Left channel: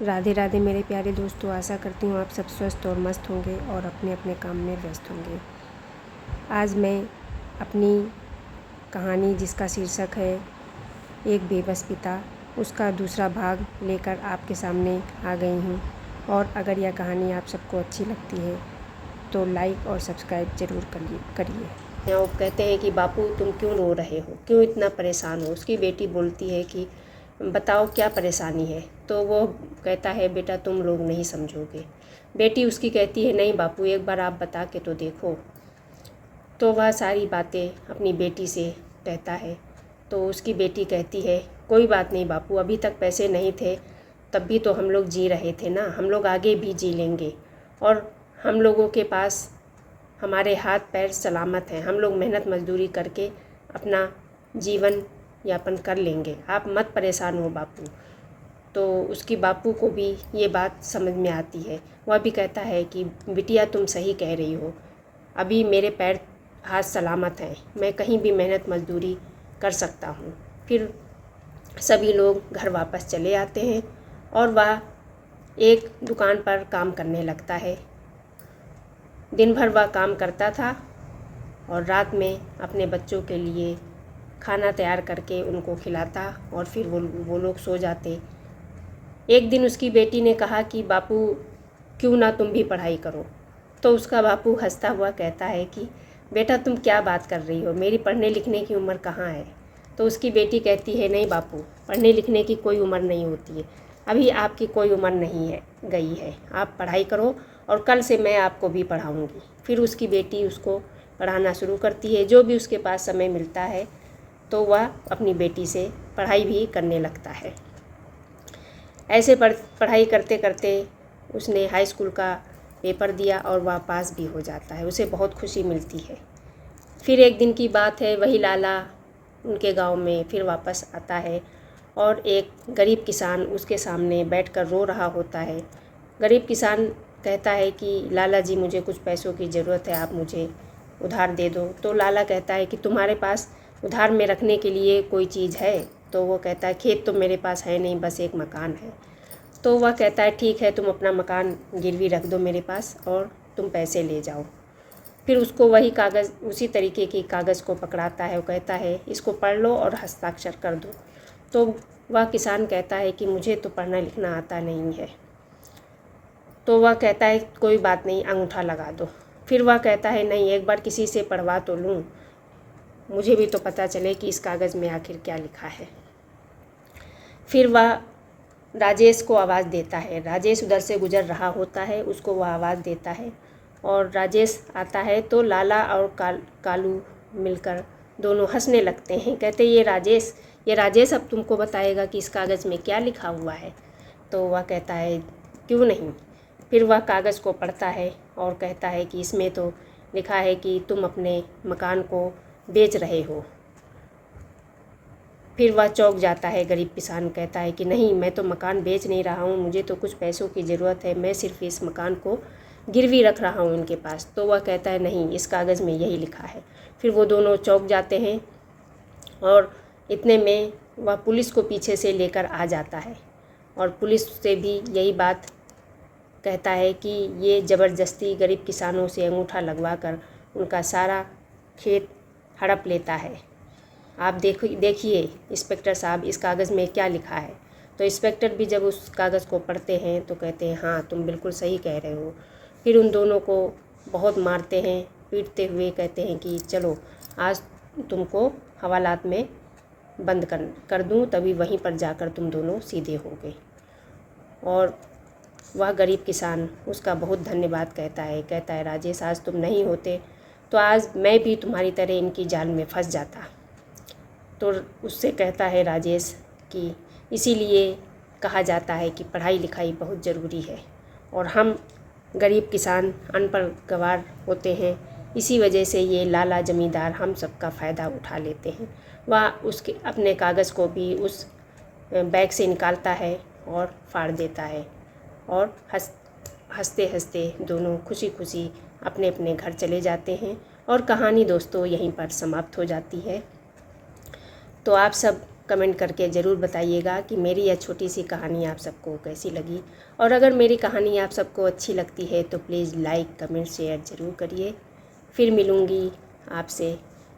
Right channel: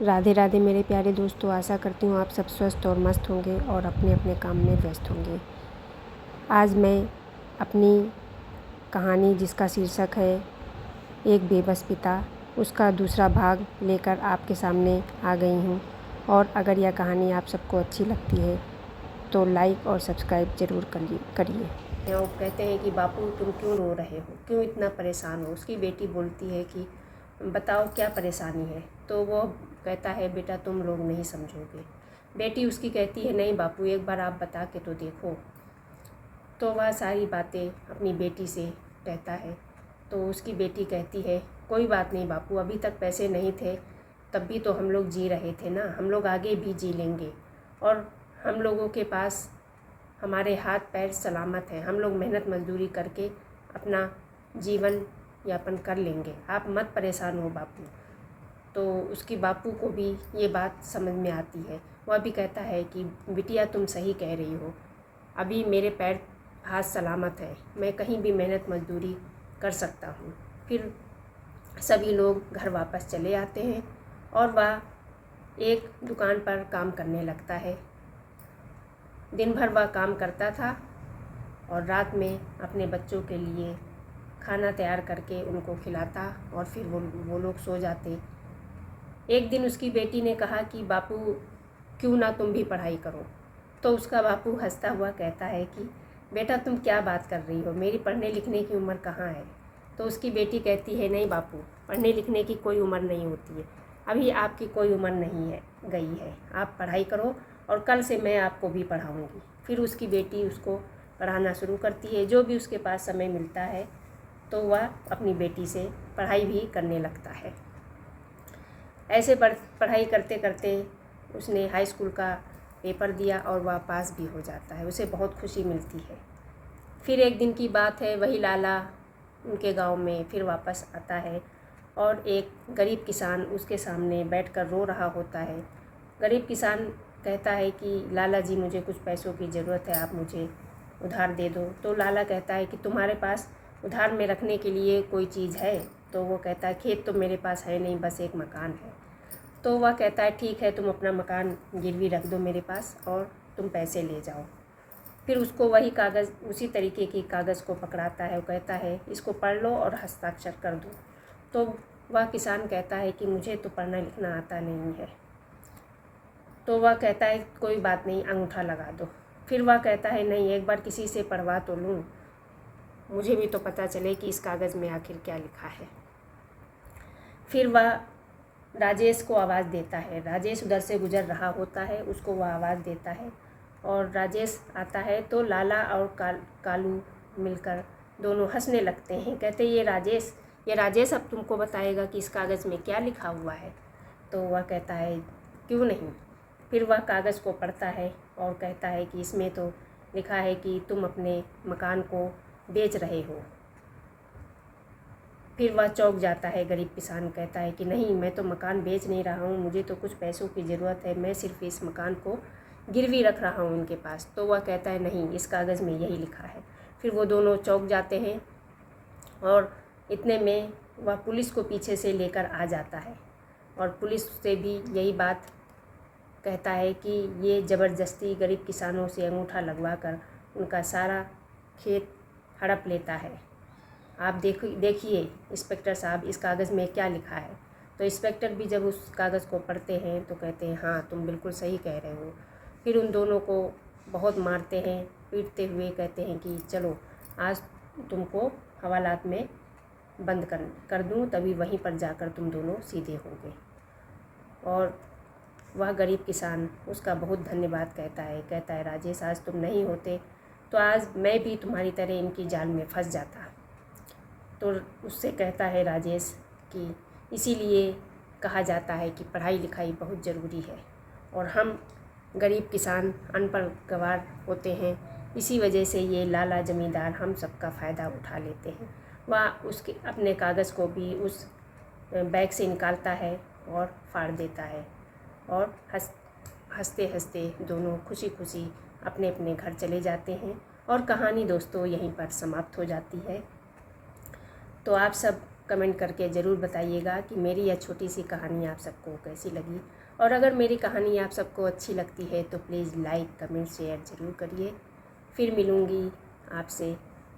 राधे राधे मेरे प्यारे दोस्तों। आशा करती हूँ आप सब स्वस्थ और मस्त होंगे और अपने अपने काम में व्यस्त होंगे। आज मैं अपनी कहानी जिसका शीर्षक है एक बेबस पिता, उसका दूसरा भाग लेकर आपके सामने आ गई हूँ। और अगर यह कहानी आप सबको अच्छी लगती है तो लाइक और सब्सक्राइब ज़रूर करिए। वो कहते हैं कि बापू तुम क्यों रो रहे हो, क्यों इतना परेशान हो। उसकी बेटी बोलती है कि बताओ क्या परेशानी है। तो वो कहता है बेटा तुम लोग नहीं समझोगे। बेटी उसकी कहती है नहीं बापू एक बार आप बता के तो देखो। तो वह सारी बातें अपनी बेटी से कहता है। तो उसकी बेटी कहती है कोई बात नहीं बापू, अभी तक पैसे नहीं थे तब भी तो हम लोग जी रहे थे ना, हम लोग आगे भी जी लेंगे और हम लोगों के पास हमारे हाथ पैर सलामत हैं, हम लोग मेहनत मजदूरी करके अपना जीवन यापन कर लेंगे, आप मत परेशान हो बापू। तो उसकी बापू को भी ये बात समझ में आती है। वह भी कहता है कि बिटिया तुम सही कह रही हो, अभी मेरे पैर हाथ सलामत हैं, मैं कहीं भी मेहनत मजदूरी कर सकता हूँ। फिर सभी लोग घर वापस चले आते हैं और वह एक दुकान पर काम करने लगता है। दिन भर वह काम करता था और रात में अपने बच्चों के लिए खाना तैयार करके उनको खिलाता और फिर वो लोग सो जाते। एक दिन उसकी बेटी ने कहा कि बापू क्यों ना तुम भी पढ़ाई करो। तो उसका बापू हंसता हुआ कहता है कि बेटा तुम क्या बात कर रही हो, मेरी पढ़ने लिखने की उम्र कहाँ है। तो उसकी बेटी कहती है नहीं बापू, पढ़ने लिखने की कोई उम्र नहीं होती है, अभी आपकी कोई उम्र नहीं है गई है, आप पढ़ाई करो और कल से मैं आपको भी पढ़ाऊँगी। फिर उसकी बेटी उसको पढ़ाना शुरू करती है, जो भी उसके पास समय मिलता है तो वह अपनी बेटी से पढ़ाई भी करने लगता है। ऐसे पढ़ाई करते करते उसने हाई स्कूल का पेपर दिया और वह पास भी हो जाता है, उसे बहुत खुशी मिलती है। फिर एक दिन की बात है, वही लाला उनके गांव में फिर वापस आता है और एक गरीब किसान उसके सामने बैठकर रो रहा होता है। गरीब किसान कहता है कि लाला जी मुझे कुछ पैसों की ज़रूरत है, आप मुझे उधार दे दो। तो लाला कहता है कि तुम्हारे पास उधार में रखने के लिए कोई चीज़ है। तो वो कहता है खेत तो मेरे पास है नहीं, बस एक मकान है। तो वह कहता है ठीक है, तुम अपना मकान गिरवी रख दो मेरे पास और तुम पैसे ले जाओ। फिर उसको वही कागज़, उसी तरीके की कागज़ को पकड़ाता है, वो कहता है इसको पढ़ लो और हस्ताक्षर कर दो। तो वह किसान कहता है कि मुझे तो पढ़ना लिखना आता नहीं है। तो वह कहता है कोई बात नहीं, अंगूठा लगा दो। फिर वह कहता है नहीं, एक बार किसी से पढ़वा तो लूँ, मुझे भी तो पता चले कि इस कागज़ में आखिर क्या लिखा है। फिर वह राजेश को आवाज़ देता है। राजेश उधर से गुजर रहा होता है, उसको वह आवाज़ देता है और राजेश आता है तो लाला और कालू मिलकर दोनों हंसने लगते हैं। कहते ये राजेश अब तुमको बताएगा कि इस कागज़ में क्या लिखा हुआ है। तो वह कहता है क्यों नहीं। फिर वह कागज़ को पढ़ता है और कहता है कि इसमें तो लिखा है कि तुम अपने मकान को बेच रहे हो। फिर वह चौंक जाता है। गरीब किसान कहता है कि नहीं, मैं तो मकान बेच नहीं रहा हूँ, मुझे तो कुछ पैसों की ज़रूरत है, मैं सिर्फ इस मकान को गिरवी रख रहा हूँ उनके पास। तो वह कहता है नहीं, इस कागज़ में यही लिखा है। फिर वो दोनों चौंक जाते हैं और इतने में वह पुलिस को पीछे से लेकर आ जाता है और पुलिस से भी यही बात कहता है कि ये ज़बरदस्ती गरीब किसानों से अंगूठा लगवा कर उनका सारा खेत हड़प लेता है। आप देखिए इंस्पेक्टर साहब, इस कागज़ में क्या लिखा है। तो इंस्पेक्टर भी जब उस कागज़ को पढ़ते हैं तो कहते हैं हाँ तुम बिल्कुल सही कह रहे हो। फिर उन दोनों को बहुत मारते हैं, पीटते हुए कहते हैं कि चलो आज तुमको हवालात में बंद कर दूँ, तभी वहीं पर जाकर तुम दोनों सीधे होगे। और वह गरीब किसान उसका बहुत धन्यवाद कहता है राजेश आज तुम नहीं होते तो आज मैं भी तुम्हारी तरह इनकी जाल में फंस जाता। तो उससे कहता है राजेश कि इसीलिए कहा जाता है कि पढ़ाई लिखाई बहुत ज़रूरी है और हम गरीब किसान अनपढ़ गंवार होते हैं, इसी वजह से ये लाला ज़मींदार हम सबका फ़ायदा उठा लेते हैं। वह उसके अपने कागज़ को भी उस बैग से निकालता है और फाड़ देता है और हंसते हंसते दोनों खुशी खुशी अपने अपने घर चले जाते हैं। और कहानी दोस्तों यहीं पर समाप्त हो जाती है। तो आप सब कमेंट करके ज़रूर बताइएगा कि मेरी यह छोटी सी कहानी आप सबको कैसी लगी। और अगर मेरी कहानी आप सबको अच्छी लगती है तो प्लीज़ लाइक कमेंट शेयर ज़रूर करिए। फिर मिलूँगी आपसे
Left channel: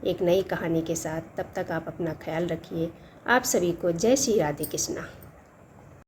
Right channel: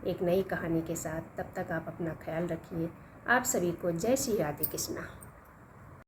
एक नई कहानी के साथ। तब तक आप अपना ख्याल रखिए। आप सभी को जय श्री राधे कृष्णा।